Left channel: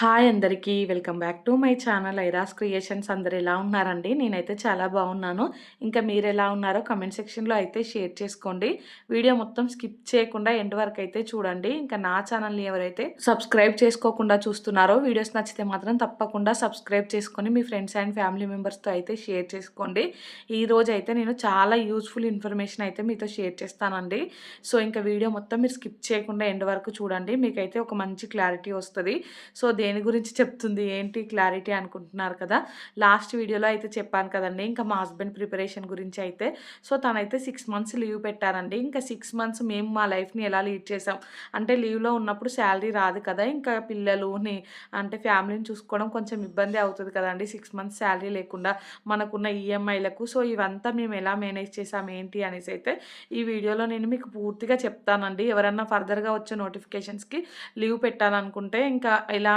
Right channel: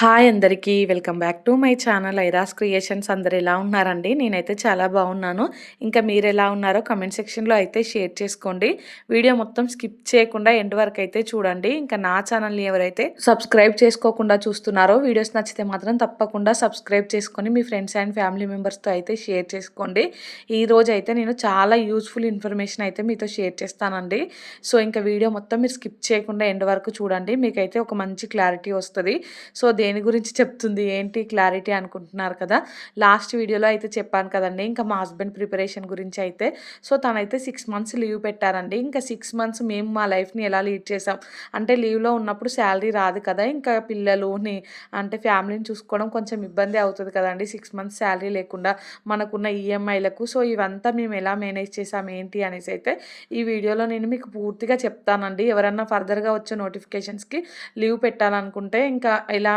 Hi అందరికీ welcome back to my channel ఐరాస్ creations. అందరు ఎలా ఉన్నారండి? నేనైతే చాలా బాగున్నాను. ఇంకా మీరు ఎలా ఉన్నారో కమెంట్ సెక్షన్లో అయితే షేర్ చేసుకోండి. వీడియో మొత్తం స్కిప్ చేయకుండా ఎండ్ వరకు అయితే చూడండి. ఇంకా నా ఛానల్ని ఎవరైతే సబ్స్క్రైబ్ చేసుకోకుండా చూస్తున్నారో వీడియోస్ నచ్చితే మాత్రం తప్పకుండా సబ్స్క్రైబ్ చేసుకొని మీ ఫ్రెండ్స్ అండ్ ఫ్యామిలీ మెంబర్స్తో అయితే షేర్ చేసుకోండి. ఈరోజు అయితే నేను చాలా యూజ్ఫుల్ ఇన్ఫర్మేషన్ అయితే మీతో షేర్ చేస్తానండి. సో ఇంకా వీడియో మొత్తం మీరు స్కిప్ చేయకుండా ఎండ్ వరకు చూడండి. మీకైతే ఒక మంచి క్లారిటీ వస్తుంది. సో దేని గురించి చెప్తుంది ఏంటి క్లారిటీ అనుకుంటున్నారు కదా. లాస్ట్ వీడియోలో అయితే చెప్పాను కదండి, ఇంకా మా హస్బెండ్ ప్రిపరేషన్ గురించి అయితే. సో తనైతే 6 మంత్స్ లీవ్ పెట్టారండి. ఇంకా 6 మంత్స్ మేము మా లైఫ్ని ఎలా లీడ్ చేసాం అంటే, లీవ్లో ఉన్నప్పుడు శాలరీ రాదు కదా, ఇంకా పిల్లలుని అంటే ఫ్యామిలీని చూసుకోవడం కొంచెం ఇబ్బంది అవుతుంది కదండి 6 మంత్స్ శాలరీ లేకుండా మనకున్న ఈఎంఐలకు. సో ఇవంతా మేము ఎలా మేనేజ్ చేసాం ఏంటి అనేసి అయితే ఈ వీడియోలో నేను మీకు పూర్తిగా చెప్తానండి. ఎవరన్నా ఫర్దర్గా వచ్చే నోటిఫికేషన్స్కి లీవ్ పెట్టాలనుకుంటే ఇంకా ఎలా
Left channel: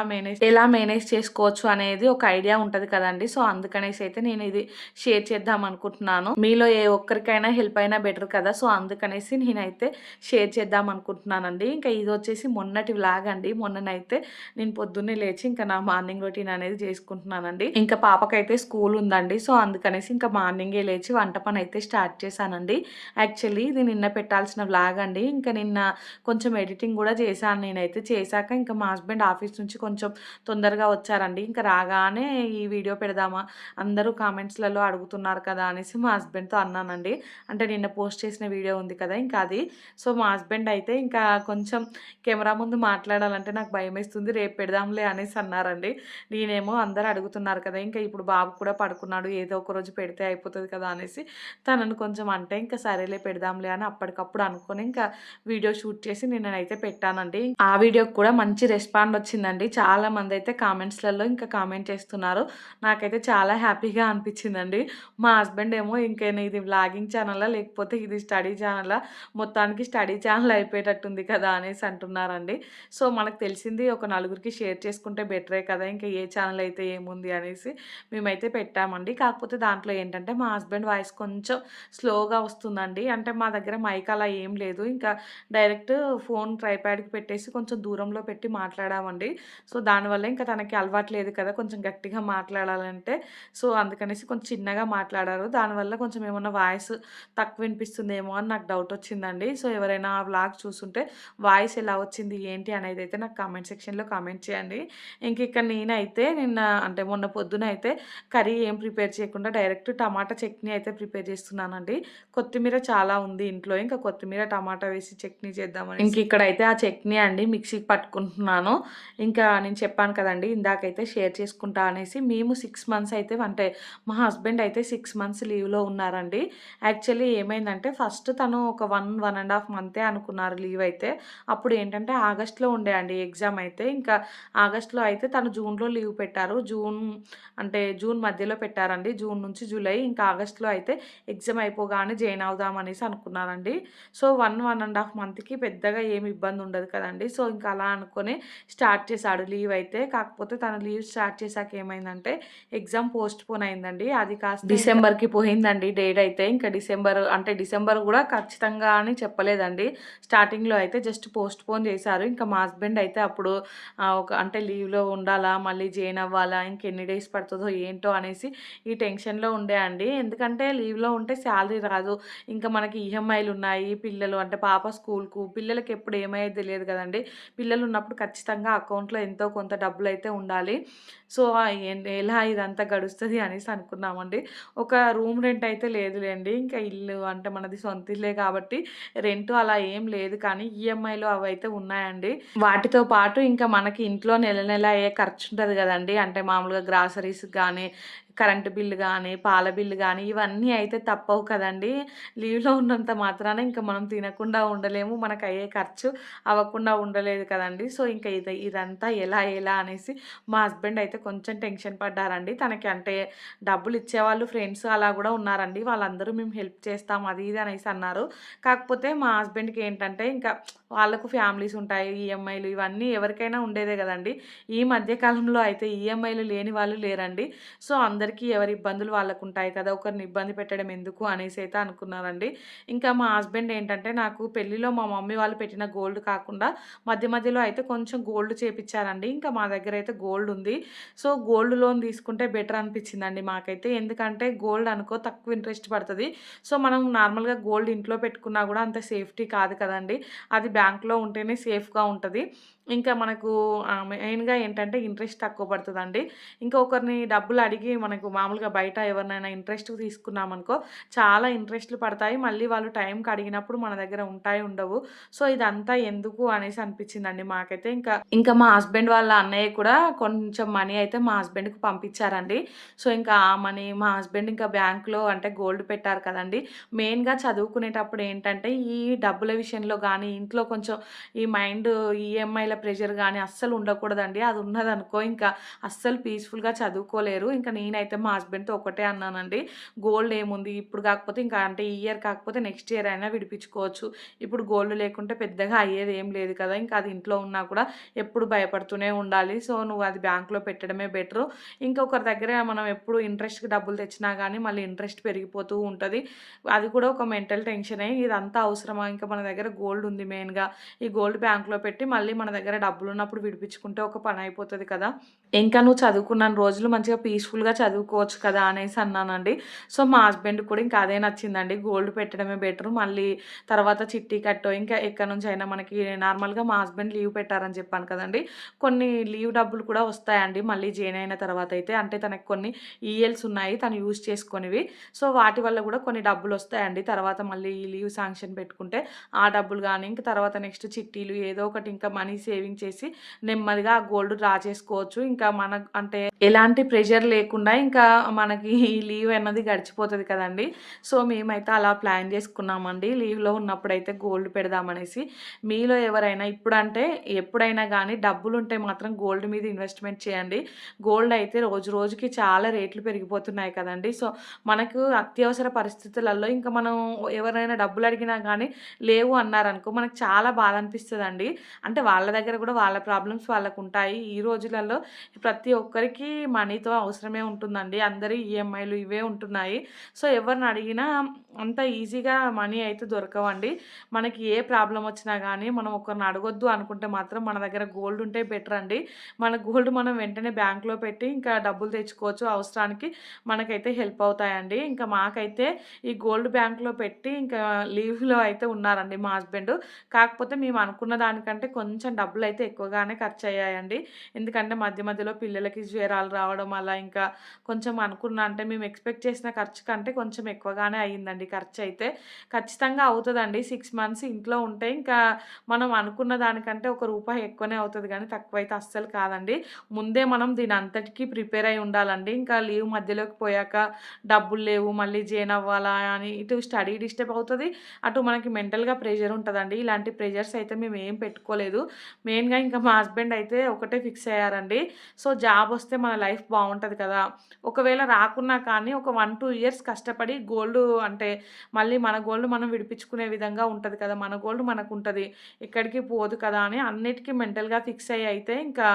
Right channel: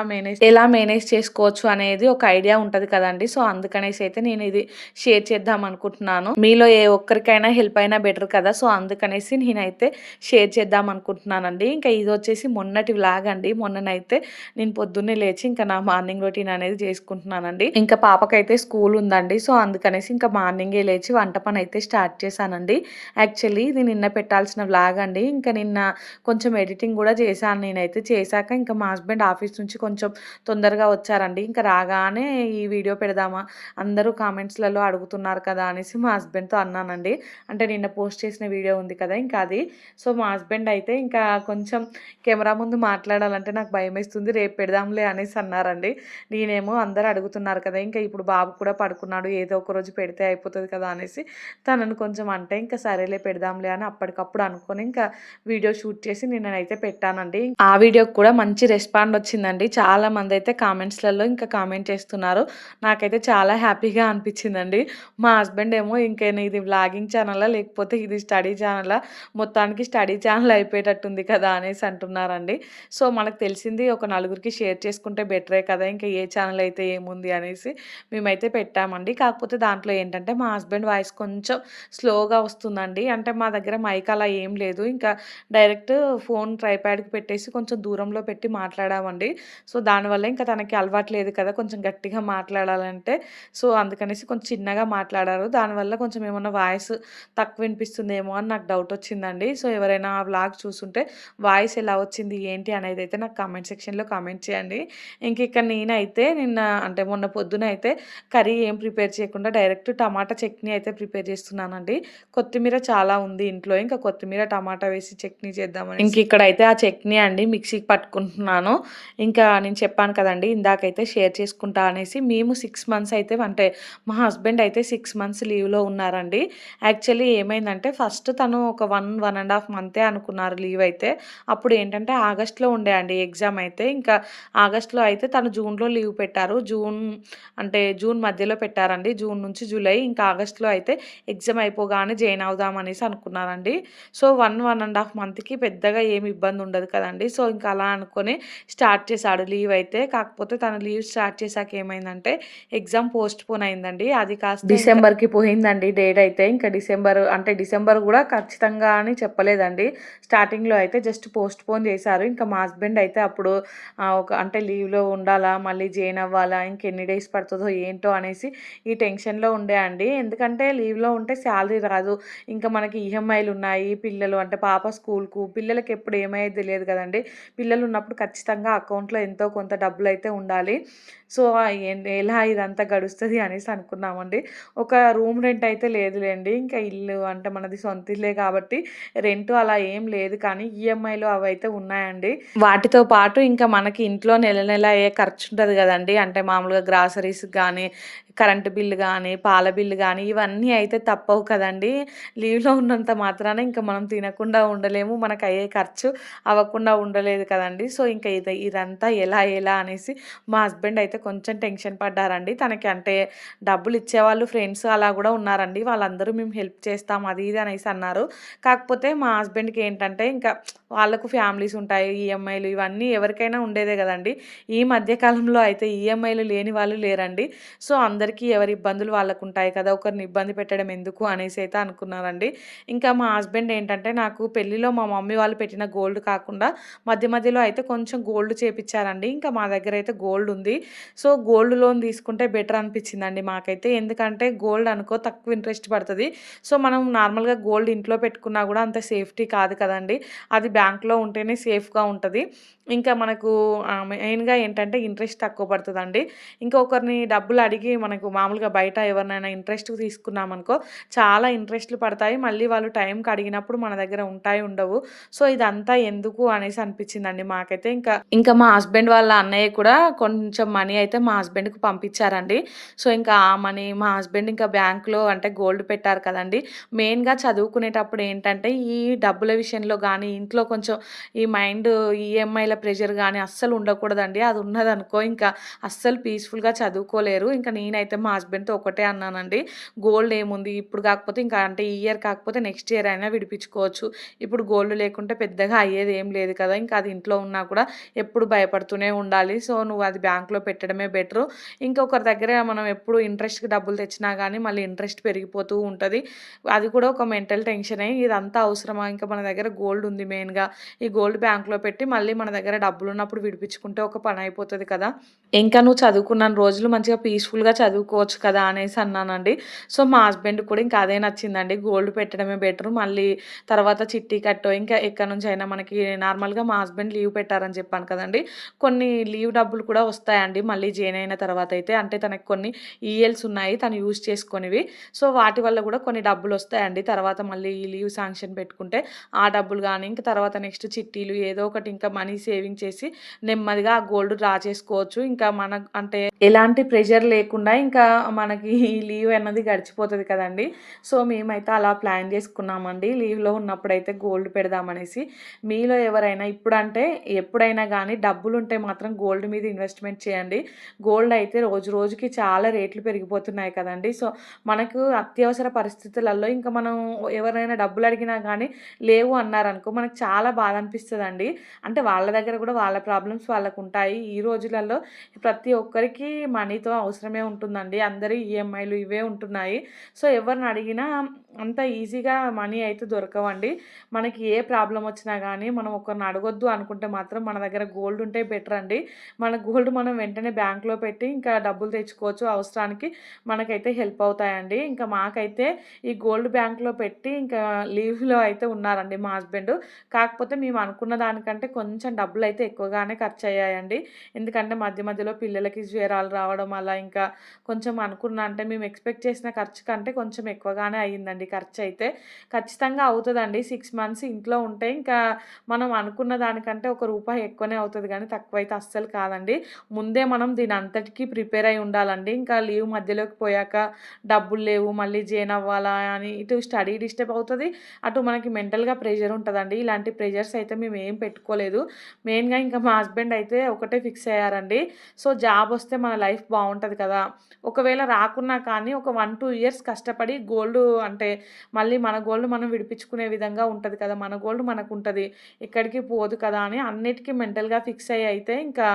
మేనేజ్ చేసుకోవచ్చు అనేది ఒక ఐడియా ఉంటుంది కదండి. సో అందుకనేసి అయితే నేను ఇది షేర్ చేద్దాం అనుకుంటున్నాను. మీలో ఏ ఒక్కరికైనా హెల్ప్ అయినా బెటర్ కదా. సో అందుకనేసి నేనైతే షేర్ చేద్దాం అనుకుంటున్నానండి. ఇంకా ఇది వచ్చేసి మొన్నటి వ్లాగ్ అండి. మొన్ననైతే నేను పొద్దున్నే లేచి ఇంకా నా మార్నింగ్ రొటీన్ అనేది చేసుకుంటున్నానండి. ఇంకా పాపకైతే స్కూల్ ఉందండి. సో అందుకనేసి ఇంకా మార్నింగే లేచి వంట పని అయితే స్టార్ట్ చేశానండి. యాక్చువల్లీ ఇది నిన్న పెట్టాల్సిన వ్లాగ్ అండి. ఇంకా నిన్న కొంచెం ఎడిటింగ్ కూడా చేశాను నేనైతే. చేశాక ఇంకా మా హస్బెండ్ ఆఫీస్ నుంచి కొంచెం తొందరగా వచ్చారండి. ఇంకా రాగానే ఈ వీడియో పెడదామా, అందరూ కామెంట్స్లలో అడుగుతున్నారు కదా అనేసి మా హస్బెండ్తో అన్నానండి. అంటే నిన్న పోస్ట్ చేసిన వీడియో ఉంది కదా ఇంకా అది. సో మా హస్బెండ్ అయితే ఇంకా కొంచెం కెమెరా ముందు మాట్లాడాలంటే నాకు భయం వేస్తుంది, రేపు పెడదాంలే అనేసి అన్నారండి. నేనేమో అందరూ అడుగుతున్నారు కదా, ఇంకా ఇప్పుడు బాబు కూడా పడుకున్నాడు, ఏదో ఒక రోజు పెడితే అయిపోతుంది కదా అనేసి తనను కొంచెం అంటే ఇంకా సరేలే పెడదాంలే అని అప్పటికప్పుడు అనుకొని ఇంకా వీడియో షూట్ చేసి నేనైతే పెట్టానండి. ఆ వీడియోకి కూడా మంచి రెస్పాండ్ వచ్చిందండి. చాలామంది అయితే కామెంట్స్లలో ఇంకా కామెంట్ చేస్తున్నారు. నాకైతే చాలా హ్యాపీగా అనిపించిందండి. మా హస్బెండ్ ఏమో ఇంకా ఇది వ్లాగింగ్ ఛానలా లేకపోతే ఇది స్టడీ ఛానలా, మొత్తానికి స్టడీ ఛానల్ అయిపోయేటట్టుంది కదా అనేసి అంటున్నారండి. సో మనకు తెలిసింది ఒక నలుగురికి షేర్ చేసుకుంటే బెటరే కదా, ఇంకా ఏ ఛానల్ అయితే ఏముంది అనేసి మేమైతే పెట్టామండి. కాకపోతే దాంట్లో ఏంటంటే మా హస్బెండ్ వాయిస్ కొంచెం స్లోగా వస్తుందండి. అంటే మా దగ్గర మైక్ అలా ఏం లేదు, ఇంకా డైరెక్ట్ ఫోన్ ట్రైప్యాడ్కి పెట్టేసి కొంచెం దూరంలో పెట్టి మాట్లాడామండి. సో దానివల్ల ఇంకా తనకి అలవాటు లేదు కదా కొంచెం గట్టిగా మాట్లాడాలంటే. సో అందుకనేసి కొంచెం చిన్నగా మాట్లాడారు. దానివల్ల కొంచెం ఏమన్నా వాయిస్ తక్కువ వినిపిస్తుందేమో అని నాకు డౌట్ వచ్చిందండి. సో ఎవరైనా ఆ వ్లాగ్ చూస్తుంటే వాయిస్ ఎలా వచ్చింది ఏంటి అనేది అయితే నాకు కామెంట్ సెక్షన్లో కామెంట్ చేయండి. ఇంక ఇక్కడ నేనైతే నిన్న అంటే మొన్న పొద్దున అయితే కర్రీ ఏం ప్రిపేర్ చేయకుండా డైరెక్ట్ టమాటా చట్నీ అయితే ప్రిపేర్ చేస్తున్నానండి. కొత్తిమీర చాలా ఉంది ఇంట్లో, ఇంకా కొత్తిమీర టమాటా వేసి చట్నీ చేద్దామని ఇంక ఇక్కడైతే ఆ చట్నీ అండి మిక్సీకి పట్టుకుంటున్నాను. ఇంకా నేను చెప్పాను కదండి ఇందాకైతే షేర్ చేసుకుంటా అనేసి, మేము 6 మంత్స్ అయితే అంటే మా హస్బెండ్ అయితే 6 మంత్స్ లీవ్లో ఉన్నారండి. యాక్చువల్లీ ఏమైందంటే ఫస్ట్ తను ఒక 1.5 మంతే అనుకున్నారు లీవ్ అయితే. అప్పుడు ఏంటంటే ఆగస్ట్లో ఉండే అండి ఎగ్జామ్ అయితే. ఇంకా ఆగస్ట్లో అయితే తను జూన్లో లీవ్ పెట్టారు. జూన్ మధ్యలో పెట్టారండి, జూన్ నుంచి జూలై. ఇంకా ఆగస్ట్లో అయితే ఎగ్జామ్ అయిపోగానే జాయిన్ అవుదాం అనేసి అనుకున్నారండి. సో 1.5 మంత్కి పెద్దగా ఏమి ఇబ్బంది ఉండదు కదండి. సో ఇంకా అలా అనుకొని స్టార్ట్ చేశాడు లీవ్ అయితే. కాకపోతే తను లీవ్ స్టార్ట్ చేశాక ఏమైందంటే ఎగ్జామ్ పోస్ట్ పోన్ అయిందండి. అది కాస్త డిసెంబర్కి పోయిందండి డేట్ అయితే. ఇంకా డిసెంబర్ కూడా ఖచ్చితంగా అని చెప్పలేదండి. స్టార్టింగ్లో అయితే జస్ట్ పోస్ట్ పోన్ చేశారు. ఇంకా మా హస్బెండ్ అయితే అప్పుడు అంటే లీవ్లో ఉండాలా, మళ్ళీ జాయిన్ అవ్వాలా, ఇంకెన్ని డేస్ పడుతుందో ఏంటో అనేసి ఈ టెన్షన్లో ఉండే అండి. ఎందుకంటే లీవ్లో ఉంటే శాలరీ రాదు, ఇంకా మనకి ఈఎంఐలు ఉన్నాయి, పిల్లలు అంటే పాప స్కూల్కు, పిల్లలకి ఎప్పుడు ఏమయ్యేది తెలియదు కదండి. పిల్లలు ఉన్నప్పుడు ఖచ్చితంగా అకౌంట్లో ఎంతో కొంత డబ్బులు అయితే ఉండాలి. సో ఎలా ఇదంతా గడుస్తుంది అనేసి అనుకున్నామండి. ఒక రూమ్ రెంట్ అయితే లేదులేండి, ఇంకా ఇల్లు అంటే మనది సొంత ఇల్లే కాబట్టి రెంట్ అలా ఏం లేదు, కానీ ఈఎంఐలు అవి అయితే ఉన్నాయండి. వాటితో పాటు ఇంకా మనకి ఇంట్లో నెల నెల ఏ ఖర్చు ఉంటుంది కదండి, అంటే మామూలుగా గ్రాసరీస్ కానీ, కరెంటు బిల్లు కానీ, పాల బిల్లు కానీ, ఇవన్నీ అయితే తప్పవు కదండి. లీవ్లో ఉన్నంత మాత్రాన ఇంకా మనం తినకుండా ఉండలేము, మనకు అయ్యే ఖర్చు అవ్వకుండా ఉండలేదు కదండి. సో ఇంకా ఇదంతా ఎలా అనేసి మా హస్బెండ్ అయితే కొంచెం టెన్షన్ పడ్డారండి. తనకి అంటే డబ్బులు ఇచ్చేవాళ్ళు ఫ్రెండ్స్ అలా కూడా ఉన్నారండి. వాళ్ళందరూ మేము హెల్ప్ చేస్తాం అది ఇది అనేసి అన్నారు. కాకపోతే మా హస్బెండ్కి ఏంటంటే ఇంకా వాళ్ళకు ఫ్యామిలీస్ ఉంటాయి. ఈఎంఐలు ఇవన్నీ ఎవరికైనా ఉండేదే కదండీ. ఈ మధ్య కాలంలో అయితే ఈఎంఐలు లేని వాళ్ళు లేరండి. సో, అందరికీ ఎవరి ఇబ్బందులు వాళ్ళకుంటాయి కదా! ఒకరిని ఇబ్బంది పెట్టడం ఎందుకు అనేసి అయితే అనుకున్నానండి. ఇంకా మా హస్బెండ్ ఏంటంటే నాకు పెళ్లిలో మా మమ్మీ వాళ్ళు పెట్టిన గోల్డ్ కాకుండా మధ్య మధ్యలో అయితే కొంచెం గోల్డ్ చేపిచ్చారండి. ఇంకా మా దగ్గర అయితే గోల్డ్ ఉంది. సో, గోల్డ్ లోన్ తీసుకుంటే బెటర్ అనిపించిందండి మాకైతే. ఎందుకంటే గోల్డ్ అనుకో తక్కువ ఇంట్రెస్ట్ పడతది. సో, మనం నార్మల్‌గా గోల్డ్ ఇంట్లో పెట్టుకున్నా కూడా అంత సేఫ్టీ కాదు కదండీ. అది బ్యాంక్‌లో ఉంటేనే సేఫ్‌గా ఉంటది. ఇంకా మనకు మెయిన్‌గా ఏంటంటే ఇంట్రెస్ట్ తక్కువ పడతదండి. ఇంకా ఒకరిని డబ్బులు అడిగి మనకు మామూలుగా బయట ఎవరినైనా ఇంట్రెస్ట్‌కి తీసుకున్నామనుకో చాలా ఇంట్రెస్ట్‌లు పడతాయి. మళ్ళీ వాళ్ళు టైంకి అడిగినప్పుడు మన దగ్గర ఉంటాయి, ఉండవు. సో, ఇదంతా ఎందుకు అనేసి అనిపించిందండి మాకైతే. ఇంకా మా హస్బెండ్ వాళ్ళ అన్నయ్య కూడా కొంచెం మనీ అయితే మా హస్బెండ్‌కి పంపించారండి. సో, ఇంకా ఆ మనీ మా హస్బెండ్ ఇంకా బ్యాంక్‌లో అంటే గోల్డ్ పెట్టారు కదండీ! మెయిన్‌గా చదువుకునేటప్పుడు ఏంటంటే ఈ డబ్బుల విషయంలో గానీ, ఇంట్లో కొంచెం ఈ మైండ్ ఈఎంఐల ప్రెషర్ గానీ అస్సలు ఉండకూడదండి. అది ఉన్నదనుకో ఇంకా అస్సలు పీస్‌ఫుల్‌గా చదువుకోలేరు. ఇంకా నేనైతే మా హస్బెండ్‌తో ఒకటే అన్నానండి. గోల్డ్ ఏముంది ఇప్పుడు కాకపోతే ఇంకా అంటే ఈ ఇయర్ కాకపోతే నెక్స్ట్ ఇయర్ అయినా విడిపించుకోవచ్చు. ఇప్పుడు గోల్డ్ లేకుంటే పెద్దగా అయ్యేది ఏం లేదు కదా! ఇంకా అది ఇంట్లో ఉన్నా కూడా ఎప్పుడు భయపడుతూనే ఉండాలి. సో, నువ్వు అది బ్యాంక్‌లో పెట్టడమే బెటరు. ఇంకొకరి దగ్గర మనం ఎప్పుడు ఇంట్రెస్ట్‌కి డబ్బులు తెచ్చినా గానీ మళ్ళీ ఇంట్రెస్ట్ పెరిగిపోతూ ఉంటది. అది కూడా ఒక మెంటల్ టెన్షనే. ఇదంతా అవసరమా? ఇంకా మన దగ్గర గోల్డ్ ఉంది మెయిన్‌గా. ఈ గోల్డ్ బ్యాంక్‌లో పెట్టి మళ్ళీ మన దగ్గర డబ్బులున్నప్పుడు విడిపించుకుంటే ఒక పనయిపోతది కదా! ఇంకా నువ్వు చదువుకున్నన్ని రోజులు మంచిగా పీస్‌ఫుల్‌గా చదువుకోవచ్చు కదా! అనేసి అన్నానండి. సో, మా హస్బెండ్‌కి కూడా ఇంకా అదే నచ్చిందండి. గోల్డ్ పెట్టడమే బెటరు. మళ్ళీ తర్వాత చిట్టి కట్టో ఇంకా ఎక్కడి నుంచైనా మనకి నార్మల్‌గా మా హస్బెండ్ లీవ్ పెట్టారని చెప్పాను కదండీ! కొన్ని లీవ్ డబ్బులు కూడా వస్తాయండి మళ్ళీ జాయిన్ అయిన తర్వాత అయితే. అంటే తనకి కొన్ని ఈఎల్స్ ఉన్నాయి తను యూజ్ చేసుకొనివి. సో, వాటి వల్ల కూడా కొన్ని డబ్బులొస్తాయండి. తర్వాత మళ్ళీ ఈ లీవ్ శాంక్షన్ పెట్టుకుంటే ఆ డబ్బులు గానీ, ఇంక తర్వాత నెక్స్ట్ చిట్టీలు ఏదో ఒకటి ఇంకా మనీ సేవింగ్ చేసి నెమ్మదిగా ఆ గోల్డ్ డ్రా చేసుకోవచ్చు. ఇంకా అంటే ఎలాంటి ప్రెషర్ లేకుండా ఇంకా మనకి ఈ లీవ్ అన్నది గడిచిపోతది కదండీ! సో, మేమైతే అలా ప్లాన్ చేసుకున్నామండి. లీవ్‌లో ఉన్నప్పుడైతే గోల్డ్ పెడదామనేసి. మీలో ఎవరైనా ఇప్పుడంటే ఎప్పుడైనా గానీ డబ్బులుంటే మాత్రం గోల్డ్ మీద ఇన్వెస్ట్‌మెంట్ చేయండి. గోల్డ్ అయితే రోజు రోజుకి చాలా రేట్లు పెరిగిపోతున్నాయి కదండీ! సో, మనకు అత్యవసర పరిస్థితులలో ఇంకా మనం ఎవరైనా డబ్బులు అడిగినా గానీ లేవు అన్నారనుకో మనకు చాలా బాధ అనిపిస్తదండి. అంటే వాళ్ళ దగ్గర గూడా వాళ్ళ ప్రాబ్లమ్స్ వాళ్ళకుంటాయి. ఈ రోజులలో ప్రతి ఒక్కరికి మనీతో అవసరమే ఉంటుందండి. అందరి ఈఎంఐలు ఇవే ఉంటున్నాయి. సో, ఎవరిని అడిగినా అంత ఈజీగా మనీ అయితే దొరకవండి. మనకి ఏ ప్రాబ్లమ్ వచ్చినా గానీ మనం ఒకరిని అడగొద్దు అనుకుంటే మాత్రం మన దగ్గర గోల్డ్ ఉంటే బెటర్ అండి. మన గోల్డ్ మనం వెంటనే బ్యాంక్‌లో పెట్టి ఇంకా డబ్బులు తెచ్చుకోవచ్చు. అవసరానికి మనకైతే హెల్ప్ అవుతాయండి. ఇంకా మాకైతే ఈ గోల్డ్ బ్యాంక్‌లో పెట్టి ఇంకా లీవ్‌లో అయితే ఉన్నారండి మా హస్బెండ్. కాకపోతే మేము అనుకున్న దానికంటే కొంచెం డబ్బులైతే ఎక్కువగానే ఖర్చయ్యాయండి. ఎందుకంటే మధ్య మధ్యలో పిల్లలకి జ్వరాలు రావడం అలా ఇంకా కొంచెం అంటే మేము ఎక్స్‌పెక్ట్ చేసిన ఖర్చు కంటే కొంచెం ఎక్కువగానే అయిందండి ఖర్చయితే. ఖచ్చితంగా అవుతదండి. 6 మంత్స్ ఇంట్లో ఉంటే ఇంకా మనం అనుకున్న దానికంటే ఒక రూపాయి ఎక్కువనే అవుతది గానీ తక్కువైతే అస్సలు కాదండి. ముందే మనం దీనంతటికి ప్రిపేర్ అయ్యి ఉండాలండి. ఇంకా లీవ్ మధ్యలోకి పోయాక డబ్బులు లేవు మళ్ళీ జాయిన్ అవ్వాలా అని ఇటు స్టడీ డిస్టర్బ్ అవుతది. అటు మనకి మెంటల్‌గా ప్రెషర్ ఉంటదండి. ఇలాంటి ప్రెషర్స్ అయితే మేమేం పెట్టుకోలేదు. మెయిన్‌గా ఇంకా మా హస్బెండ్ అయితే ఒకటే ఫిక్స్ అయ్యారండి. సో, జాబొస్తే మన లైఫ్ బావుంటది కదా! ఒకవేళ రాకున్నా కానీ ఒక 1, 2 ఇయర్స్ కష్టపడి గోల్డ్ అంటే మళ్ళీ మన గోల్డ్ మనం విడిపించుకునే విధంగా ఉంటది కదా! మన గోల్డ్ మనకుంటది. ఎక్కడికి పోదు కదా! అని అన్నిటికి మెంటల్‌గా ఫిక్స్ అయ్యి అయితే ఇంకా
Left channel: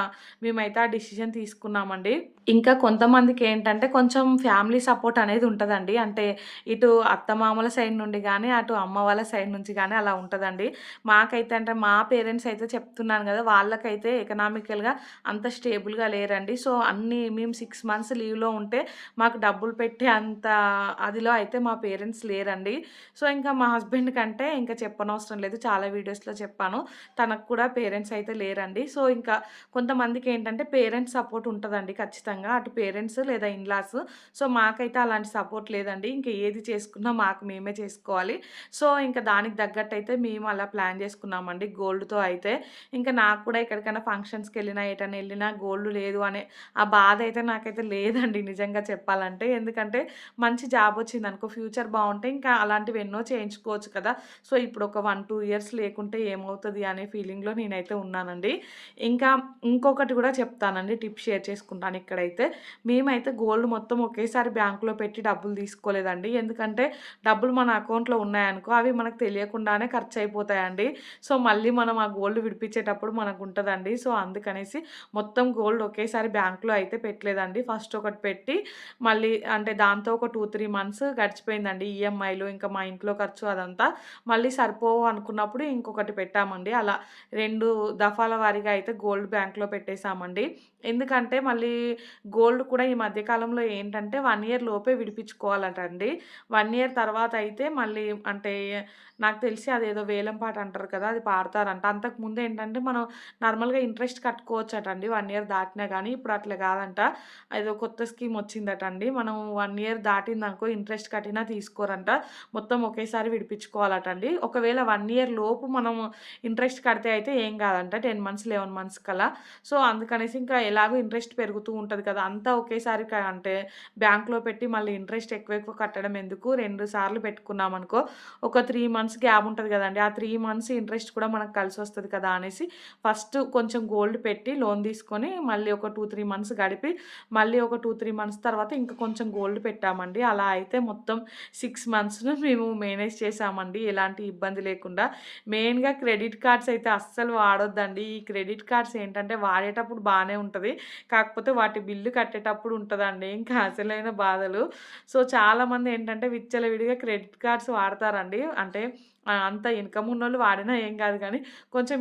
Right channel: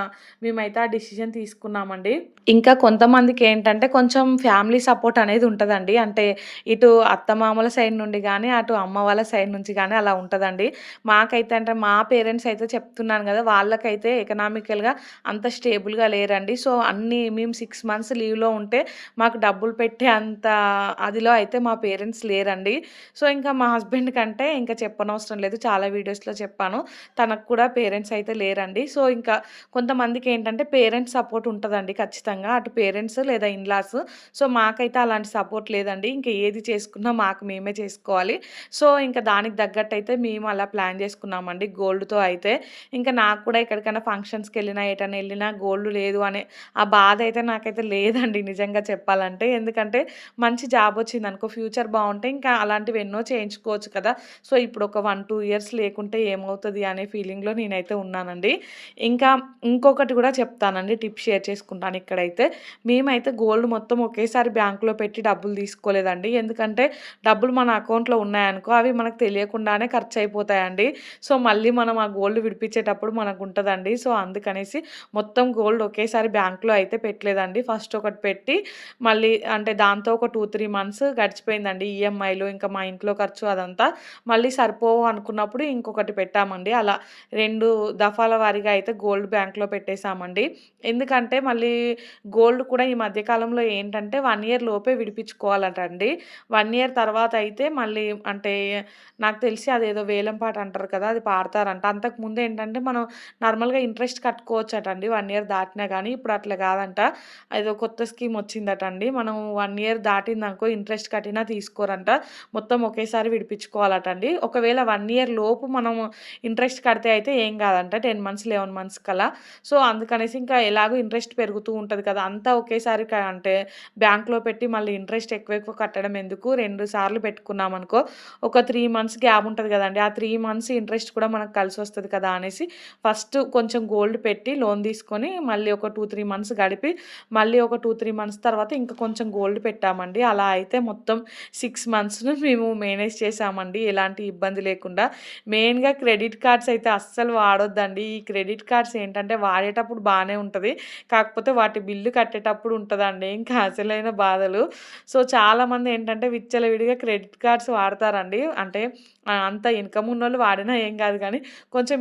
మేమైతే ఆ డిసిషన్ తీసుకున్నామండి. ఇంకా కొంతమందికేంటంటే కొంచెం ఫ్యామిలీ సపోర్ట్ అనేది ఉంటదండి. అంటే ఇటు అత్తమామల సైడ్ నుండి గానీ, అటు అమ్మ వాళ్ళ సైడ్ నుంచి గానీ అలా ఉంటదండి. మాకైతే అంటే మా పేరెంట్స్ అయితే చెప్తున్నాను గదా! వాళ్ళకైతే ఎకనామికల్‌గా అంత స్టేబుల్‌గా లేరండి. సో, మేము 6 మంత్స్ లీవ్‌లో ఉంటే మాకు డబ్బులు పెట్టే అంత అదిలో అయితే మా పేరెంట్స్ లేరండి. సో, ఇంకా మా హస్బెండ్ కంటే ఇంకా చెప్పనవసరం లేదు. చాలా వీడియోస్‌లో చెప్పాను. తనకు కూడా పేరెంట్స్ అయితే లేరండి. సో, ఇంకా కొంతమందికేంటంటే పేరెంట్స్ సపోర్ట్ ఉంటదండి ఖచ్చితంగా. అటు పేరెంట్స్ లేదా ఇన్‌లాస్. సో, మాకైతే అలాంటి సపోర్ట్ లేదండి. ఇంక ఏది చేసుకున్నా మాకు మేమే చేసుకోవాలి. సో, ఇంక దానికి తగ్గట్టయితే మేము అలా ప్లాన్ చేసుకున్నామండి గోల్డ్‌తో అయితే. ఇంక ఇంకా నాకు కూడా ఎక్కడికైనా ఫంక్షన్స్‌కెళ్ళినా, ఎటన్నా ఎళ్ళినా గోల్డ్ లేదు అనే ఆ బాధ అయితే నాకైతే లేదండి నిజంగా చెప్పాలంటే. ఎందుకంటే మంచి జాబ్ వచ్చిందనుకో ఫ్యూచర్ బావుంటే ఇంకా అలాంటివి ఎన్నో చేయించుకోవచ్చు కదా! సో, ఇప్పుడు ఒక 1, 2 ఇయర్స్ లేకుంటే ఏమవుతది అనే ఫీలింగ్‌లో నేనైతే ఉన్నానండి. ఇంకా ఇంకొకటి కూడా చెప్తానండి. టిప్ షేర్ చేసుకుంటాను ఇక్కడైతే. మేమైతే గోల్డ్ మొత్తం ఒకేసారి బ్యాంక్‌లో పెట్టి డబ్బులు తీసుకోలేదండి. ఎందుకంటే డబ్బులు మన అకౌంట్‌లో ఉన్నాయనుకో అవి మనకు తెలియకుండానే ఖర్చయిపోతాయండి. సో, మళ్ళీ మనం ఆ గోల్డ్ విడిపించేటప్పుడు మనకుంటదండి. సో, అందుకనేసి మొత్తం గోల్డ్ ఒకేసారి బ్యాంక్‌లో అయితే పెట్టలేదండి. ఫస్ట్ ఒకటి పెట్టి మళ్ళీ అంటే దాంతో ఒక 2, 3 మంత్స్ గడిచిపోయిందండి. ఈఎంఐలు ఇంకా మా ఇంట్లో ఖర్చు అదంతా. మళ్ళీ సరిపోవు అనుకున్నప్పుడు ఇంకొకటి పెట్టామండి. అలా 2 దఫాల వారీగా అయితే గోల్డ్ బ్యాంక్‌లో పెట్టేసామండి. ఎందుకంటే మళ్ళీ గోల్డ్ కూడా ఈ మధ్య కాలంలో ఏంటంటే 1 ఇయర్ లోపే విడిపించుకోవాలటండి. 1 ఇయర్ తర్వాత అయితే మళ్ళీ అంటే నాకు తెలిసి అదేదో వేలం పాట అంటారు కదా! అది పాడతారంట. అంతకుముందు ఏంటంటే మనం నార్మల్‌గా ఇంట్రెస్ట్ కట్టుకోవచ్చటండి 1 ఇయర్ దాటినా గానీ. ఇప్పుడు అట్లా గాదంట. ఏదో కొత్త స్కీమ్ వచ్చిందటండి. మనం 1 ఇయర్ దాటిందనుకో ఇంట్రెస్ట్ కట్టినా తీసుకోరంట. మొత్తం ఒకేసారి విడిపించుకోవాలటండి. ఒకవేళ 1 ఇయర్ లోపు మనము ఇంట్రెస్ట్ కడితే అయితే ఏం గాదంట. 10 మంత్స్, 11 మంత్స్ కల్లా. సో, అందుకనేసి ఇంకా ఎలాగో ఇంట్రెస్ట్ పెరుగుతూ ఉంటది కదా! అంతా ఒకేసారి అంటే బ్యాంక్‌లో పెట్టి మళ్ళీ ఇంట్రెస్ట్ ఎక్కువ ఎక్కువ కట్టడం ఎందుకు 2 సార్లు పెట్టుకున్నామనుకో ఒక 3 మంత్స్ గ్యాప్ ఉంటది గదండీ! ఆ 3 మంత్స్ ఇంట్రెస్ట్ కూడా మనకు కలిసొస్తది కదా! అనేసి ఫస్ట్ కొంచెం గోల్డ్ పెట్టి లోన్ తీసుకొని మళ్ళీ ఒక 2, 3 మంత్స్ గడిపి మళ్ళీ ఒక 2, 3 మంత్స్ తర్వాత ఇంకా కొంచెం గోల్డ్ పెట్టామండి. అలా అయితే మొత్తం 6 మంత్స్‌ను మేము మేనేజ్ చేశామండి. ఎలాంటి ఇబ్బంది లేకుండా. మెయిన్‌గా క్రెడిట్ కార్డ్స్ అయితే అస్సలు వాడొద్దండి. ఈ క్రెడిట్ కార్డ్స్ ఏంటంటే వాడేటప్పుడు బానే ఉంటది. కాకపోతే వాటి బిల్లు కట్టేటప్పుడు ఉంటదండి. ఇంకా అసలైన బాధలు. సో, చాలామంది ఏంటంటే విచ్చలవిడిగా క్రెడిట్ కార్డ్స్ వాడతారండి. అంటే అంత ఇన్‌కమ్ ఉన్నోళ్ళు వాడినా ఏం గాదు గానీ, కొంచెం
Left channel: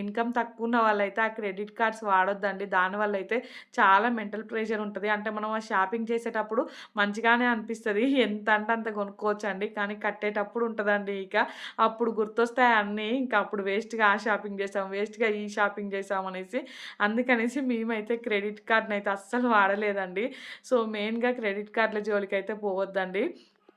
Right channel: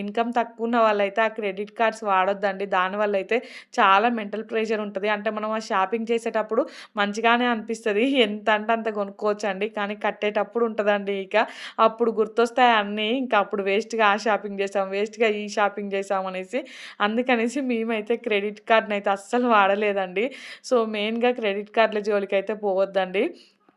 ఇన్‌కమ్ తక్కువున్న వాళ్ళైతే ఆ క్రెడిట్ కార్డ్స్ వాడొద్దండి. దానివల్ల అయితే చాలా మెంటల్ ప్రెషర్ ఉంటది. అంటే మనం ఆ షాపింగ్ చేసేటప్పుడు మంచిగానే అనిపిస్తది. ఎంత అంటే అంత కొనుక్కోవచ్చండి. కానీ కట్టేటప్పుడు ఉంటదండి ఇక. అప్పుడు గుర్తొస్తాయి అన్నీ. ఇంకా అప్పుడు వేస్ట్‌గా ఆ షాపింగ్ చేసాం, వేస్ట్‌గా ఈ షాపింగ్ చేసాం అనేసి. అందుకనేసి మేమైతే క్రెడిట్ కార్డ్‌నయితే అస్సలు వాడలేదండి. సో, మెయిన్‌గా క్రెడిట్ కార్డ్‌ల జోలికైతే పోవద్దండి.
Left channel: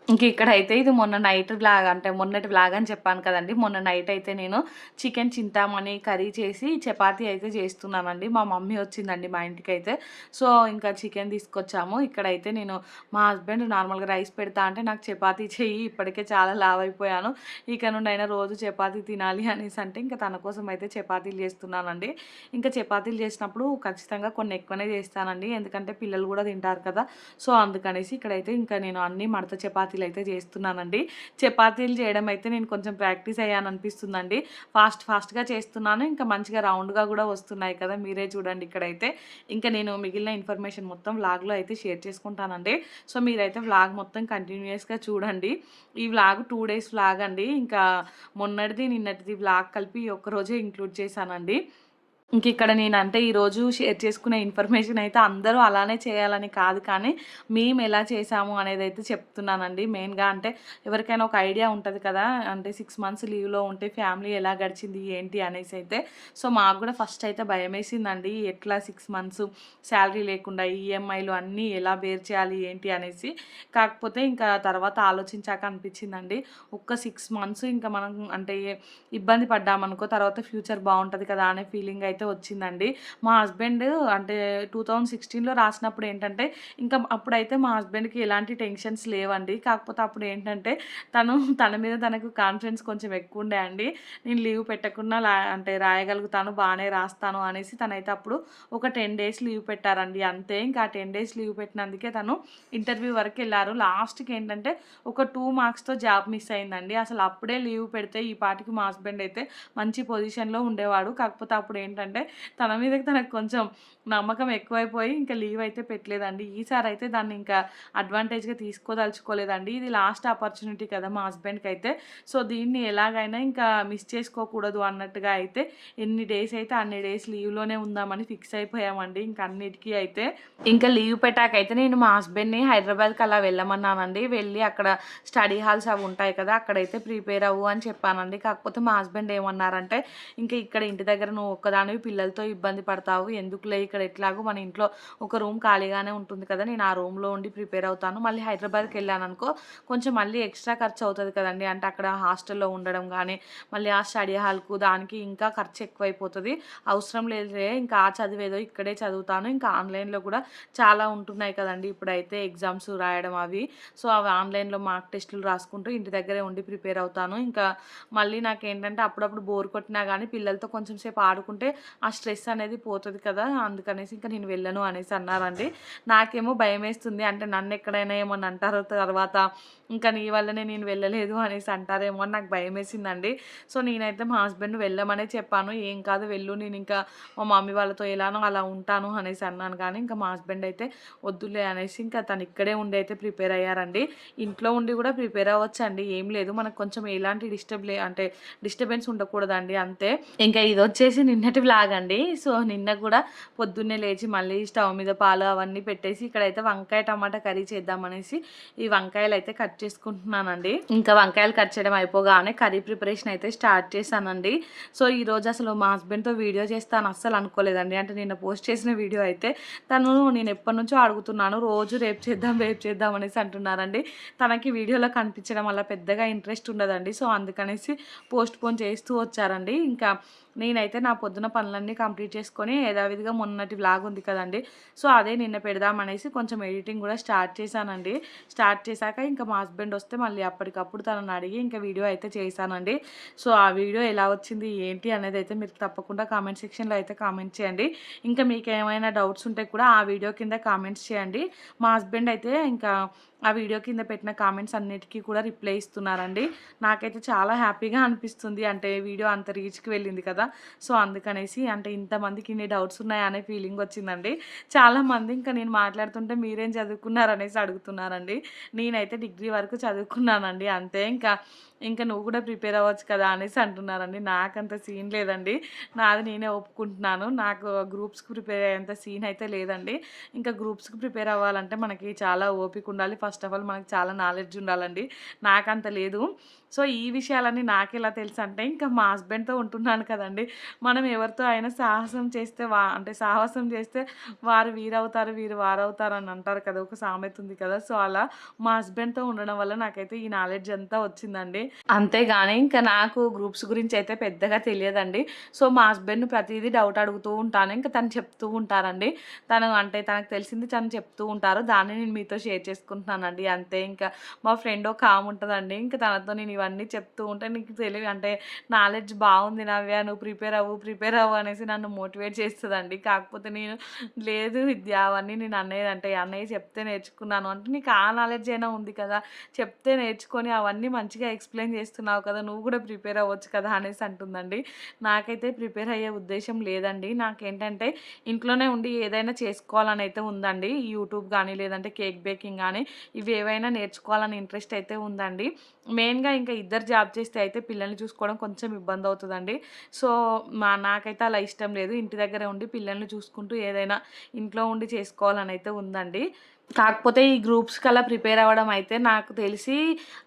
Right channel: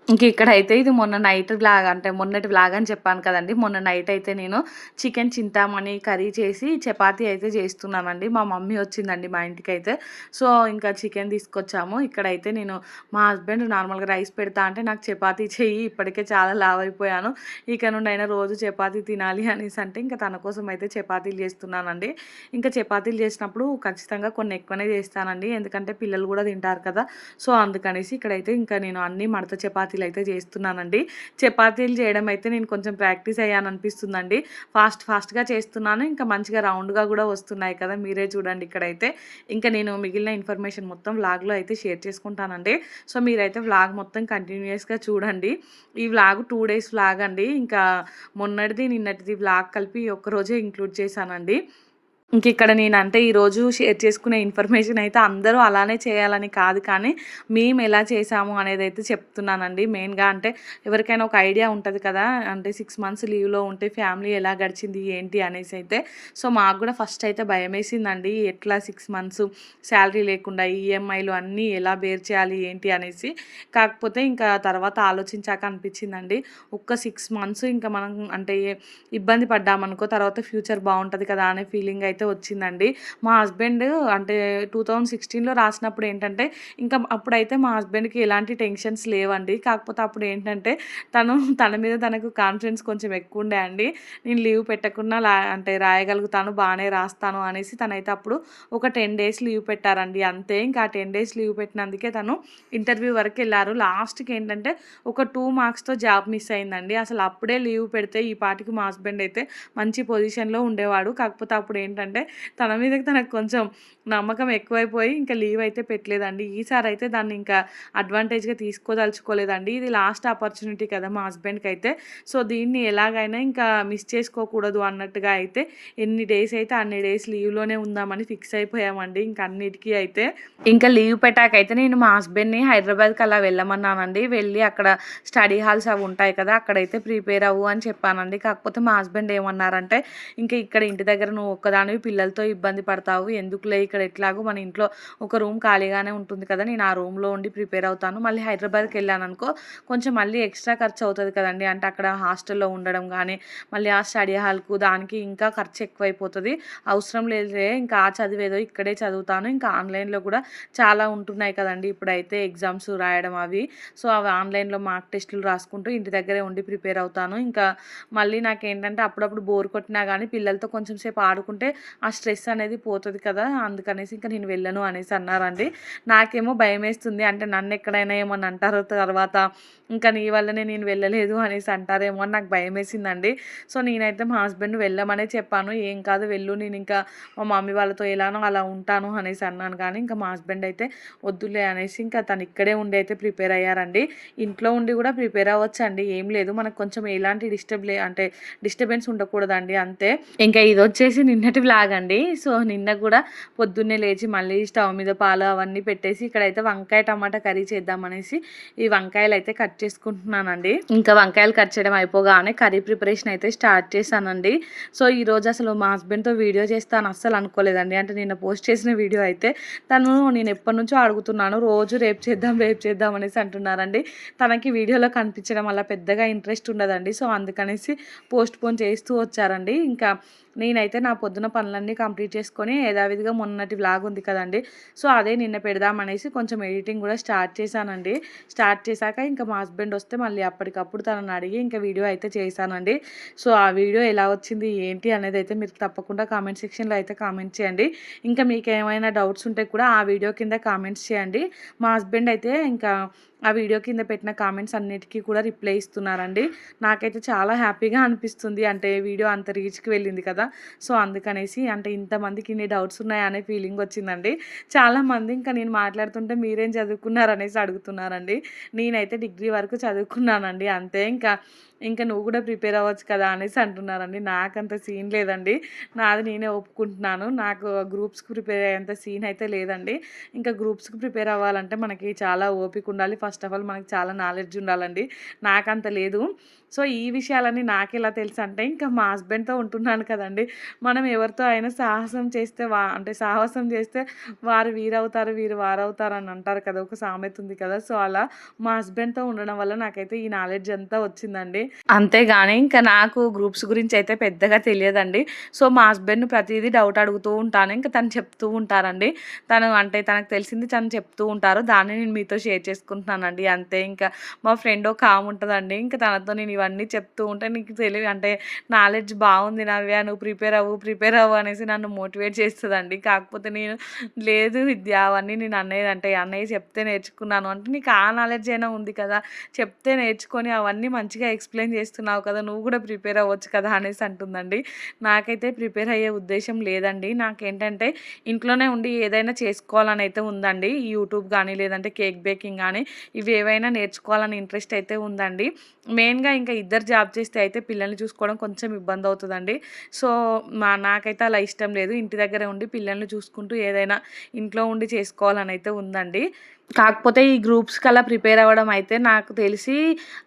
ఇంక ఇక్కడైతే ఇది మొన్న నైట్ వ్లాగ్ అంటే మొన్నటి వ్లాగ్ అని చెప్పాను కదండీ! మొన్న నైట్ అయితే నేను చికెన్ చింతామణి కర్రీ చేసి చపాతీ అయితే చేస్తున్నానండి. మా మమ్మీ వచ్చిందండి మా ఇంటికైతే. సో, ఇంకా చికెన్ తీసుకొచ్చాము. ఇక్కడైతే నేను మా హస్బెండ్ నార్మల్‌గా రైస్ పెడతా అంటే నాకు చపాతీ చెయ్యి ఇప్పటికే చాలా లావైపోయాను. ఇక నుండైనా రోజు చపాతీ తినాలి అనేసి అంటే ఇంకా తన కోసం అయితే చపాతీలు చేస్తున్నానండి. ఇంకా చపాతీలు చేసినప్పుడు ఖచ్చితంగా కొన్ని ఎక్కువనే చేస్తానండి. ఎందుకంటే పిల్లలు కూడా తింటారు కదా! సో, అందుకనేసి ఇక్కడైతే ఇంకా నేను అన్నీ మడత చపాతీలయితే చేస్తున్నానండి. చపాతీలు చేయడం అయితే నేను కొంచెం ప్రాక్టీస్ అయ్యాననిపిస్తుందండి. ఫాస్ట్‌గా చేస్తున్నాను. ఇంకా మంచిగా రౌండ్‌గా గూడా వస్తున్నాయి కదా! మీరే చూడండి ఇక్కడైతే. ఇంకా నేను మిగిలిన ఇన్ఫర్మేషన్ మొత్తం వ్లాగ్‌లో అయితే షేర్ చేసుకుంటానండి. సో, మీరైతే వ్లాగ్ మొత్తం కంటిన్యూయస్‌గా చూడండి. ఈ వ్లాగ్ 2 డేస్ వ్లాగ్ అండి. ఇంకా మొన్నటిది, నిన్నటిది వ్లాగ్ కలిపి ఒక్కరోజే ఇంక్లూడ్ చేశానండి. ఇంకిక్కడ నేనంటే ఈరోజు షేర్ చేసుకునే ఇన్ఫర్మేషన్ అయితే అందరూ అలానే చేయాలని కాదు కానీ, మేమెలా చేశాము అనేదైతే చెప్తున్నానండి. మెయిన్‌గా అంటే ఎవరికైనా ఒక ఐడియా ఉంటది కదా! అంటే 6 మంత్స్ లీవ్‌లో ఉంటే ఫ్యామిలీ ఎలా గడిచింది ఏంటి అనేసైతే. సో, మాకు గూడా ఫస్ట్ అయితే భయమేసిందండి. ఎట్లా 6 మంత్స్ శాలరీ లేకుండా ఈఎంఐలు అన్నీ ఎలా బేర్ చేయాలి ఏంటి అనేసి. కాకపోతే ఇంకా తర్వాత ఆలోచించాక అనిపించిందండి. ఒక్క 6 మంత్స్ ఇంకా మనం అంటే ఇబ్బంది పడ్డామనుకో తర్వాత ఫ్యూచర్ బావుంటది కదా! అనే ఫీలింగ్ అయితే వచ్చిందండి. మా హస్బెండ్ అంటే 2016లో రాసినప్పుడు ఏంటంటే, ఇంకా అప్పుడైతే మా హస్బెండ్‌కి ఎలాంటి టెన్షన్స్ లేవండి. కాకపోతే అప్పుడేంటంటే, తన మీద తనకు కాన్ఫిడెన్స్ కొంచెం ఎక్కువుండే అండి. నేను లీవ్ పెట్టకున్నా అంటే రాయగలుగుతాను, బానే రాస్తాను అనేసి తనైతే అప్పుడు ఒక 10 డేస్ లీవ్ పెట్టారండి అంతే. ఇంకా ఆ 10 డేస్ లీవ్ పెట్టినందుకే తను ఇంటర్వ్యూ వరకెళ్లారు. లాస్ట్‌కి ఏంటంటే, ఒక 2 మార్క్స్‌తో జాబ్ మిస్ అయిందండి. అసలు అప్పుడే లీవ్ పెడితే ఈ పాటికి మా హస్బెండ్ అయితే మంచి పొజిషన్‌లో ఉండేవాడు. కాకపోతే అప్పుడేంటంటే తన మీద తనకు కొంచెం నమ్మకం ఎక్కువైపోయి ఇంకా లీవ్ అయితే పెట్టలేదండి. ఈసారైతే దాన్ని ఇంకా అడ్వాంటేజ్‌గా తీసుకోదలుచుకోలేదండి. ఇది లాస్ట్ ఆపర్చునిటీ కదా! మా హస్బెండ్‌కైతే. సో, దీన్ని ఎలాగైనా ఇంకా మిస్ చేసుకోకూడదు అన్నట్టుగా అయితే ఎన్ని డేస్ అయితే అన్ని డేస్ లీవ్‌లోనే ఉందామని ఫిక్స్ అయిపోయామండి. ఇంక అన్నిటికి అయితే. ఇంకా లీవ్ పెట్టాకైతే నేను మా హస్బెండ్‌ని హైదరాబాద్‌కి అలా వెళ్ళమన్నానండి. వెళ్ళి అక్కడ స్టడీ హాల్స్ అవి ఉంటాయి కదా! అక్కడైతే ప్రిపేర్ అవ్వు అని చెప్పానండి. కాకపోతే మా హస్బెండ్ ఏమన్నారంటే, "ఇంక ఇక్కడ ఇంటి దగ్గర నువ్వు ఒక్కదానివి పిల్లలతో ఇబ్బంది పడతావు. ఎందుకులే ఇక ఇక్కడ ఎట్లాగో మన ఇంట్లో ఒక రూమ్ ఖాళీగానే ఉంటుంది కదా, నేను ఆ రూమ్లో ఉండి ప్రిపేర్ అవుతాను. మళ్ళీ హైదరాబాద్కి వెళ్ళాను అనుకో కొంచెం మళ్ళీ ఎక్స్ట్రా ఖర్చు అవుతుంది కదండి. అంటే అక్కడ హాస్టల్లో ఉండడం కానీ మళ్ళీ ఆ స్టడీ హాల్కు దానికి ఇంకా ఖర్చు ఎక్కువైపోతుంది. అవసరం లేదులే, ఇంకా ఆ చదివేదో ఇక్కడే చదువుతాను. ఇంకా ఆన్లైన్లో కూడా చాలా ఉంటున్నాయి కదండి ఇప్పుడైతే ఎగ్జామ్స్ రాయడం అవి. సో అవి ఆన్లైన్లో మార్క్ టెస్టులు రాసుకుంటూ ఇంటి దగ్గరే ఉండి ప్రిపేర్ అవుతాను. ఇంకా మళ్ళీ నాకేంటంటే అప్పుడప్పుడు బోర్ కొట్టినా కానీ పిల్లలతో కొంచెం సేపు ఆడుకుంటే ఆ స్ట్రెస్ అనేది పోతుంది కదా, అందుకనేసి ఇంకా నేను వెళ్ళను అనేసి అన్నారండి. నాకేమో భయం వేస్తుంది, అంటే నన్ను ఎక్కడైనా ఏమని అంటారో తర్వాత, ఇంకా నీ వల్లనే నేను వెళ్ళలేదు అనేసి అంటారేమో అని నాకు భయం వేసిందండి. సో నేనైతే మా హస్బెండ్ వెళ్ళమనే చెప్పాను. ఏం కాదు వెళ్ళు, నేను ఇంకా మా మమ్మీ వాళ్ళతో ఎలానో అలా ఉంటాను అనేసి అన్నాను. కానీ ఇంకా మా హస్బెండ్ అయితే వద్దులే అనేసి ఇంకా తను ఇక్కడే ఉండి అయితే ప్రిపేర్ అయ్యారండి. ఇంట్లో ఉండి కూడా ప్రిపేర్ అవ్వచ్చండి, ఏం లేదు. మనకు కొంచెం ఎలాంటి అంటే డిస్టర్బెన్స్ ఉండకూడదండి అంతే. ఇంకా ఇది వచ్చేసి నిన్నటి వ్లాగ్ అండి. సో నిన్న కూడా పొద్దున్నే లేచి మళ్ళీ స్టవ్ మీద పాలు అవన్నీ పెట్టేసి ఇక్కడైతే వంకాయ టమాటా కర్రీ చేద్దామనేసి ఈ వంకాయలు అయితే కట్ చేసుకుంటున్నానండి. ఇంకా వంకాయలు కట్ చేయడం అయిపోగానే కర్రీ ప్రిపరేషన్ అయితే స్టార్ట్ చేశానండి. సో ఈరోజు అసలు మా హస్బెండ్తో వీడియో చేస్తాను అస్సలు అనుకోలేదండి. అంటే నిన్న పోస్ట్ చేసిన వీడియో అయితే నేను ఎప్పటి నుంచో అడుగుతున్నాను, రోజు రేపు చేద్దాం అనేసి అంటున్నారండి. తనకి వీడియోలో కనిపించడం వల్ల పెద్దగా ఇంట్రెస్ట్ ఉండదండి. సో అందుకనేసి పోస్ట్ పోన్ చేస్తూ వచ్చారండి. ఇంకా నేనైతే నా పొద్దున పనులన్నీ కంప్లీట్ చేసుకొని యథావిధిగా మొన్నటి వ్లాగ్ ఉంది కదండి, సో అదే నిన్న పెడదామనేసి కొంచెం ఎడిటింగ్ కూడా స్టార్ట్ చేశానండి. స్టార్ట్ చేశాక ఇంకా మా హస్బెండ్ వస్తే మళ్ళీ అప్పటికప్పుడు తనని అడిగి ఇంకా వీడియో అయితే చేశానండి. సో ఆ వీడియో ఎలా వచ్చింది ఏంటి అనేది అయితే మీరు తప్పకుండా కామెంట్ సెక్షన్లో అయితే కామెంట్ చేయండి. ఇంకా మీకు ఏమైనా డౌట్స్ ఉంటే కూడా ఆ వీడియో కింద కామెంట్స్ చేయండి. మా హస్బెండ్ అయితే ఇంకా ఆ వీడియో కింద పెట్టిన కామెంట్స్ అన్నిటికీ కూడా రిప్లై ఇస్తున్నారండి. నాకైతే చాలా హ్యాపీగా అనిపిస్తుంది, అంటే వీడియో అంత రీచ్కి వెళ్ళింది కదా, సో అందుకనేసి అంటే ఇంతమందికి ఇన్ని డౌట్స్ ఉన్నాయా అనే ఫీలింగ్ వచ్చిందండి. చాలామంది ఇంకా నేను మాట్లాడుతుంటే మీరేం చదువుకున్నారనేసి అడుగుతున్నారండి. నేనైతే డిగ్రీ వరకు చదువుకున్నానండి అంతే. ఇంకా నువ్వు కూడా ప్రిపేర్ అవ్వచ్చు కదా అనేసి అంటున్నారండి. నాకంత సీన్ లేదండి, నాది నేనే ఒప్పుకుంటున్నాను. నాకు గ్రూప్స్కి ప్రిపేర్ అయ్యేంత సీన్ అయితే లేదండి. ఇంకా గ్రూప్స్కి ప్రిపేర్ అవ్వాలంటే మనకి చాలా ఓపిక ఉండాలి. ఫస్ట్ ఆఫ్ ఆల్ మనకి చాలా నాలెడ్జ్ ఉండాలండి, నాకంత లేదు. సో ఈ విషయాలన్నీ నాకెలా తెలుసు అంటే ఇంకా మా హస్బెండ్తో ఉంటున్నాను కదండి. మనం ఎవరితో అయినా సాహసం చేస్తే సాహసం చేస్తే వారు వీరవుతారు వీరు వారవుతారు అని అంటారు కదా, ఒక సామెత ఉంది కదా. సో అలా మా హస్బెండ్తో ఉండడం వల్ల నాకైతే ఈ నాలెడ్జ్ అంతా వచ్చిందండి. అంతేగాని ఇంకా నాకు గ్రూప్స్ గురించి అయితే పెద్దగా తెలియదండి. సో మా హస్బెండ్ ప్రతిదీ డౌట్ అడుగుతూ ఉంటాను, ఇంకా తను చెప్తూ ఉంటారండి. తనకు తెలిసింది తను చెప్తూ ఉంటారు, దాన్ని నేను మీతో షేర్ చేసుకుంటున్నానండి అంతే. ఇంకా మా ఫ్రెండ్ ఒక ఆమె ఉంటుందండి, ఇంకా తనతో నేను ఇవన్నీ చెప్తూ ఉంటే నీకు తెలియదు అంటే నాలెడ్జ్ బాగుంది నవ్య, నువ్వు ప్రిపేర్ అవ్వు అనేసి నన్ను మోటివేట్ చేస్తుందండి. కాకపోతే నేను లేదు విద్య అవన్నీ నేను అన్నయ్య చెప్తే నేర్చుకున్నాను అంటే, నీకు ఆ నాలెడ్జ్ అయినా ఉంది కదా, చెప్తే నేర్చుకొని అవన్నీ మంచిగా ఎక్స్ప్లెయిన్ చేస్తున్నావు కదా, నువ్వు కూడా ప్రిపేర్ అవ్వచ్చు కదా అనేసి అంటుందండి. నాకైతే ప్రిపేర్ అయ్యే ఉద్దేశం లేదండి. నాకేంటంటే ఇంట్లోనే ఉండి ఏదైనా చేసుకోవాలని అయితే ఉందండి. యూట్యూబ్ కానీ లేదంటే కేక్ బేకింగ్ కానీ ఇవి ఏవైనా నేర్చుకోవాలని ఇంట్రెస్ట్ అయితే ఉందండి. మెయిన్గా ఇంకా ఇద్దరు జాబ్ చేస్తే అయితే పిల్లల్ని చూసుకోవడం కొంచెం ఇబ్బంది అవుతుందండి. సో నాకైతే అలా ఇష్టం లేదు, ఇంటి దగ్గరే ఉండి పిల్లల్ని చూసుకుంటూ ఏదైనా ఇంట్లో ఉండి చేసుకోవాలని అయితే ఉందండి. కాకపోతే ఈ గ్రూప్స్కి అలా ప్రిపేర్ అవ్వడం అయితే నాకు తెలిసి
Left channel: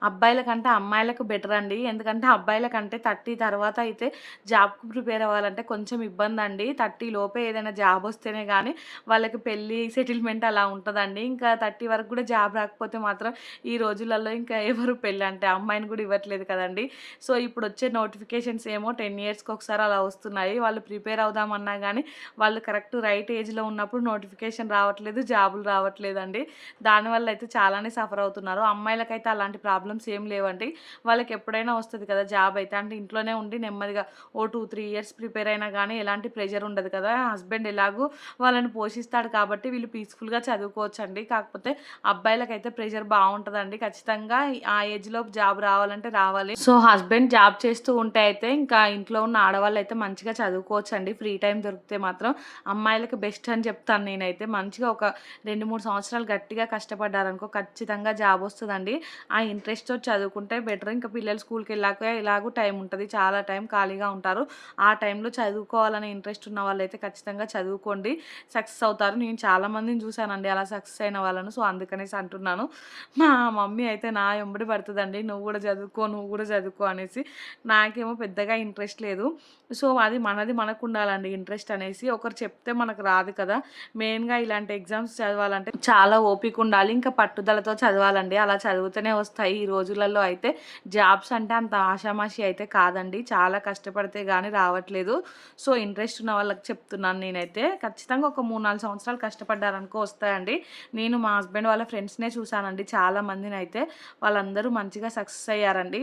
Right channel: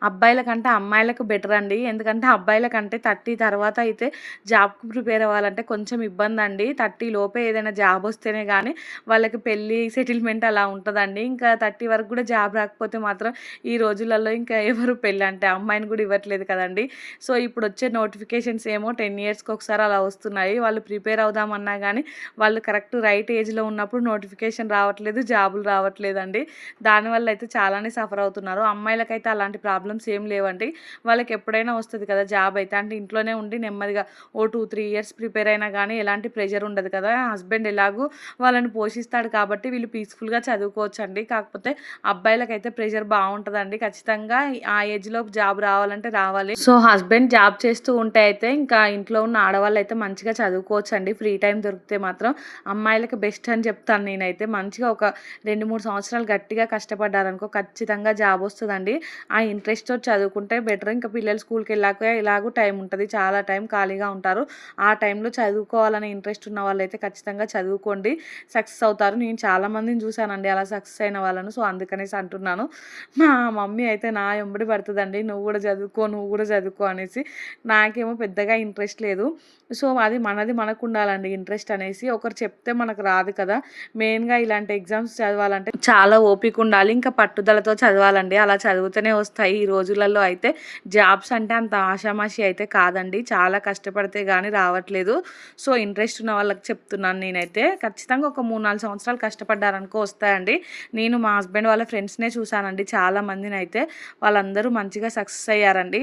అబ్బాయిల కంటే అమ్మాయిలకు బెటర్ అండి. ఎందుకంటే అబ్బాయిల కంటే 30 తర్వాత అయితే జాబ్కి ప్రిపేర్ అవ్వాలంటే కొంచెం ఇబ్బంది అండి. 30 లోపే ఏదైనా జాబ్ వస్తేనే కానీ వాళ్ళకి పెళ్ళి సెటిల్మెంట్ అలా ఉంటుందండి. ఇంకా 30 వరకు కూడా జాబ్ రాకపోతే మాత్రం ఈ రోజులలో ఇంకా ఎవరు పెళ్ళి అంటే అమ్మాయిని కూడా ఇవ్వట్లేదు కదండి. సో ఇప్పుడు వచ్చే నోటిఫికేషన్స్ ఏమో 10 ఇయర్స్కి ఒకసారి అలా వస్తున్నాయి. వాళ్ళు ప్రిపేర్ అవుదామన్నా కానీ వాళ్ళు కరెక్ట్ రైట్ ఏజ్లో ఉన్నప్పుడు నోటిఫికేషన్ రావట్లేదు, జాబులు రావట్లేదండి. దానివల్ల అయితే చాలానే సఫర్ అవుతున్నారు. అమ్మాయిలకైతే అలాంటి ప్రాబ్లమ్స్ ఏం లేవండి. వాళ్ళకి ఎప్పుడైనా వస్తుంది కదా జాబ్ అయితే, అంటే ఇంట్లోనే ఉండి నెమ్మదిగా 2-3 ఇయర్స్ ప్రిపేర్ అయినా కానీ ఎలాంటి ప్రెషర్ ఉండదు కదా. హస్బెండ్ ఎలాగూ వాళ్ళని పోషిస్తాడు కాబట్టి వీళ్ళు పీస్ఫుల్గా చదువుకోవచ్చండి. కాకపోతే అబ్బాయిలకైతే ప్రెషర్ బాగుంటుందండి. ఖచ్చితంగా ఆ ఏజ్లో జాబ్ రావాలంటే రావాలి. సో హస్బెండ్ జాబ్ చేస్తూ ఉంటే అయితే ఇంకా ఇంట్లో ఉన్న ఆడవాళ్ళు అయితే మంచిగా చదువుకోవచ్చండి. ఫ్రీ టైం దొరికితే మాత్రం అమ్మాయిలకు బెస్ట్ అని చెప్తాను నేనైతే. మంచిగా ఒక 2-3 సంవత్సరాలు సంవత్సరాలు గట్టిగా కష్టపడ్డారనుకో ఖచ్చితంగా జాబ్ వస్తదండి. ఆ ఇంట్రెస్ట్‌తో చదువుకుంటే బెటర్. ఇంకా పిల్లలు స్కూల్‌కెళ్ళాక ఎలాగో టైం ఉంటది. చాలా టైం ఖాళీగా ఉంటారు. ఆ టైంలో చదువుకోవాలనే ఇంట్రెస్ట్ ఉన్న వాళ్ళైతే ఖచ్చితంగా చదువుకోండి. సక్సెస్ అవుతారు. నేను చాలా మందిని చూసానండి అలా సక్సెస్ అయిన వాళ్ళను. సో, అందుకనేసి అంటున్నాను. మా మమ్మీ అయితే నా ఎంబడి పడతదండి. "నువ్వు గూడా చదువుకో, నువ్వు గూడా చదువుకో" అనేసి. నాకేమో పెద్దగా ఇంట్రెస్ట్ లేదు. సో, అది మనది మనకుండాలండి ఇంట్రెస్ట్ అనేసి. ఒకరు చెప్తే మనకు రాదు కదా! మెయిన్‌గా ఇలాంటి ఎగ్జామ్స్ చదవాలంటే చాలా ఓపిక ఉండాలి. ఇంకా పట్టుదలతో చదవాలండి. అలా చదివితేనే వస్తాయి. ఈ రోజులలో అయితే జాబ్స్ అంటే అంత ఆషామాషీ అయితే కాదండి. చాలా కష్టపడితే గానీ రావట్లేదు. సో, ఇంట్రెస్ట్ ఉన్న వాళ్ళకి చెప్తున్నాను నేనైతే. ఖచ్చితంగా ఒక 3, 4 సంవత్సరాలు కష్టపడ్డారనుకో వస్తాయండి. నేను మా హస్బెండ్ వాళ్ళ ఫ్రెండ్స్‌నే చూసానండి చాలా మందినైతే. వాళ్ళందరూ మంచిగా సక్సెస్ అయ్యారండి.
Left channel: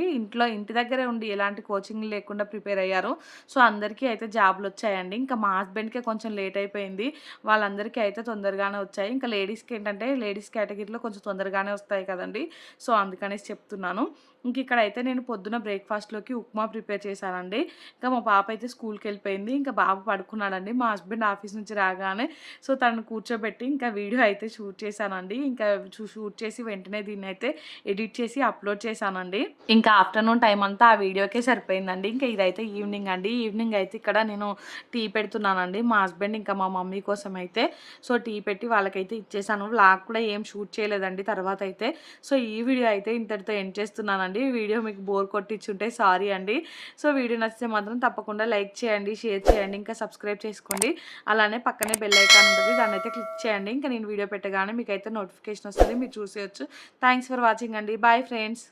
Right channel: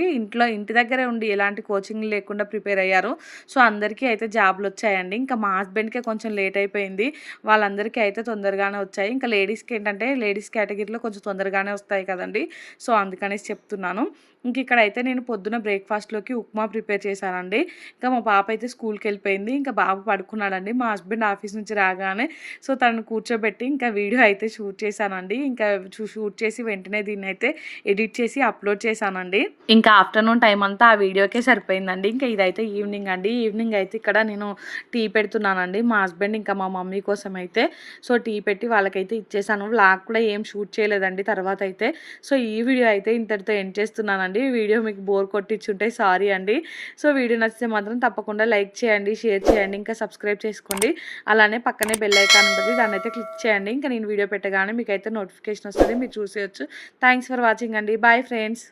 ఇంటి దగ్గరే ఉండి ఎలాంటి కోచింగ్ లేకుండా ప్రిపేర్ అయ్యారు. సో, అందరికీ అయితే జాబ్‌లొచ్చాయండి. ఇంకా మా హస్బెండ్‌కే కొంచెం లేట్ అయిపోయింది. వాళ్ళందరికీ అయితే తొందరగానే వచ్చాయి. ఇంకా లేడీస్‌కేంటంటే లేడీస్ కేటగిరీలో కొంచెం తొందరగానే వస్తాయి కదండీ! సో, అందుకనేసి చెప్తున్నాను. ఇంక ఇక్కడైతే నేను పొద్దున బ్రేక్‌ఫాస్ట్‌లోకి ఉప్మా ప్రిపేర్ చేశానండి. ఇంకా మా పాప అయితే స్కూల్‌కెళ్ళిపోయింది. ఇంకా బాబు పడుకున్నాడండి. మా హస్బెండ్ ఆఫీస్ నుంచి రాగానే సో, తనను కూర్చోబెట్టి ఇంకా వీడియో అయితే షూట్ చేశానండి. ఇంకా షూట్ చేసి వెంటనే దీన్నైతే ఎడిట్ చేసి అప్‌లోడ్ చేశానండి. ఇంకా ఆఫ్టర్‌నూన్ టైమ్ అంతా ఆ వీడియోకే సరిపోయిందండి. ఇంకా ఇదైతే ఈవినింగ్ అండి. ఈవినింగ్ అయితే ఇక్కడ నేను టీ పెడుతున్నానండి. మా హస్బెండ్ ఇంకా మా మమ్మీ కోసం అయితే. సో, టీ పెట్టి వాళ్ళకైతే ఇచ్చేసాను. వ్లాగ్ కూడా ఏం షూట్ చేయలేదండి తర్వాతైతే. సో, ఈ వీడియో అయితే ఇంతటితో ఎండ్ చేస్తున్నానండి. వీడియో మీకు బోర్ కొట్టించుంటే సారీ అండి. సో, వీడియో నచ్చితే మాత్రం తప్పకుండా లైక్ చేయండి, షేర్ చేయండి, ఇంకా సబ్స్క్రైబ్ చేసుకోండి. అలానే పక్కనే బెల్ ఐకాన్ ఉంటది. దాన్నైతే క్లిక్ చేయండి. ఇంకా నేను వీడియో పెట్టగానే మీకైతే నోటిఫికేషన్ వస్తది. మీరు చూసేయొచ్చు. థాంక్స్ ఫర్ వాచింగ్ అండి. Bye friends.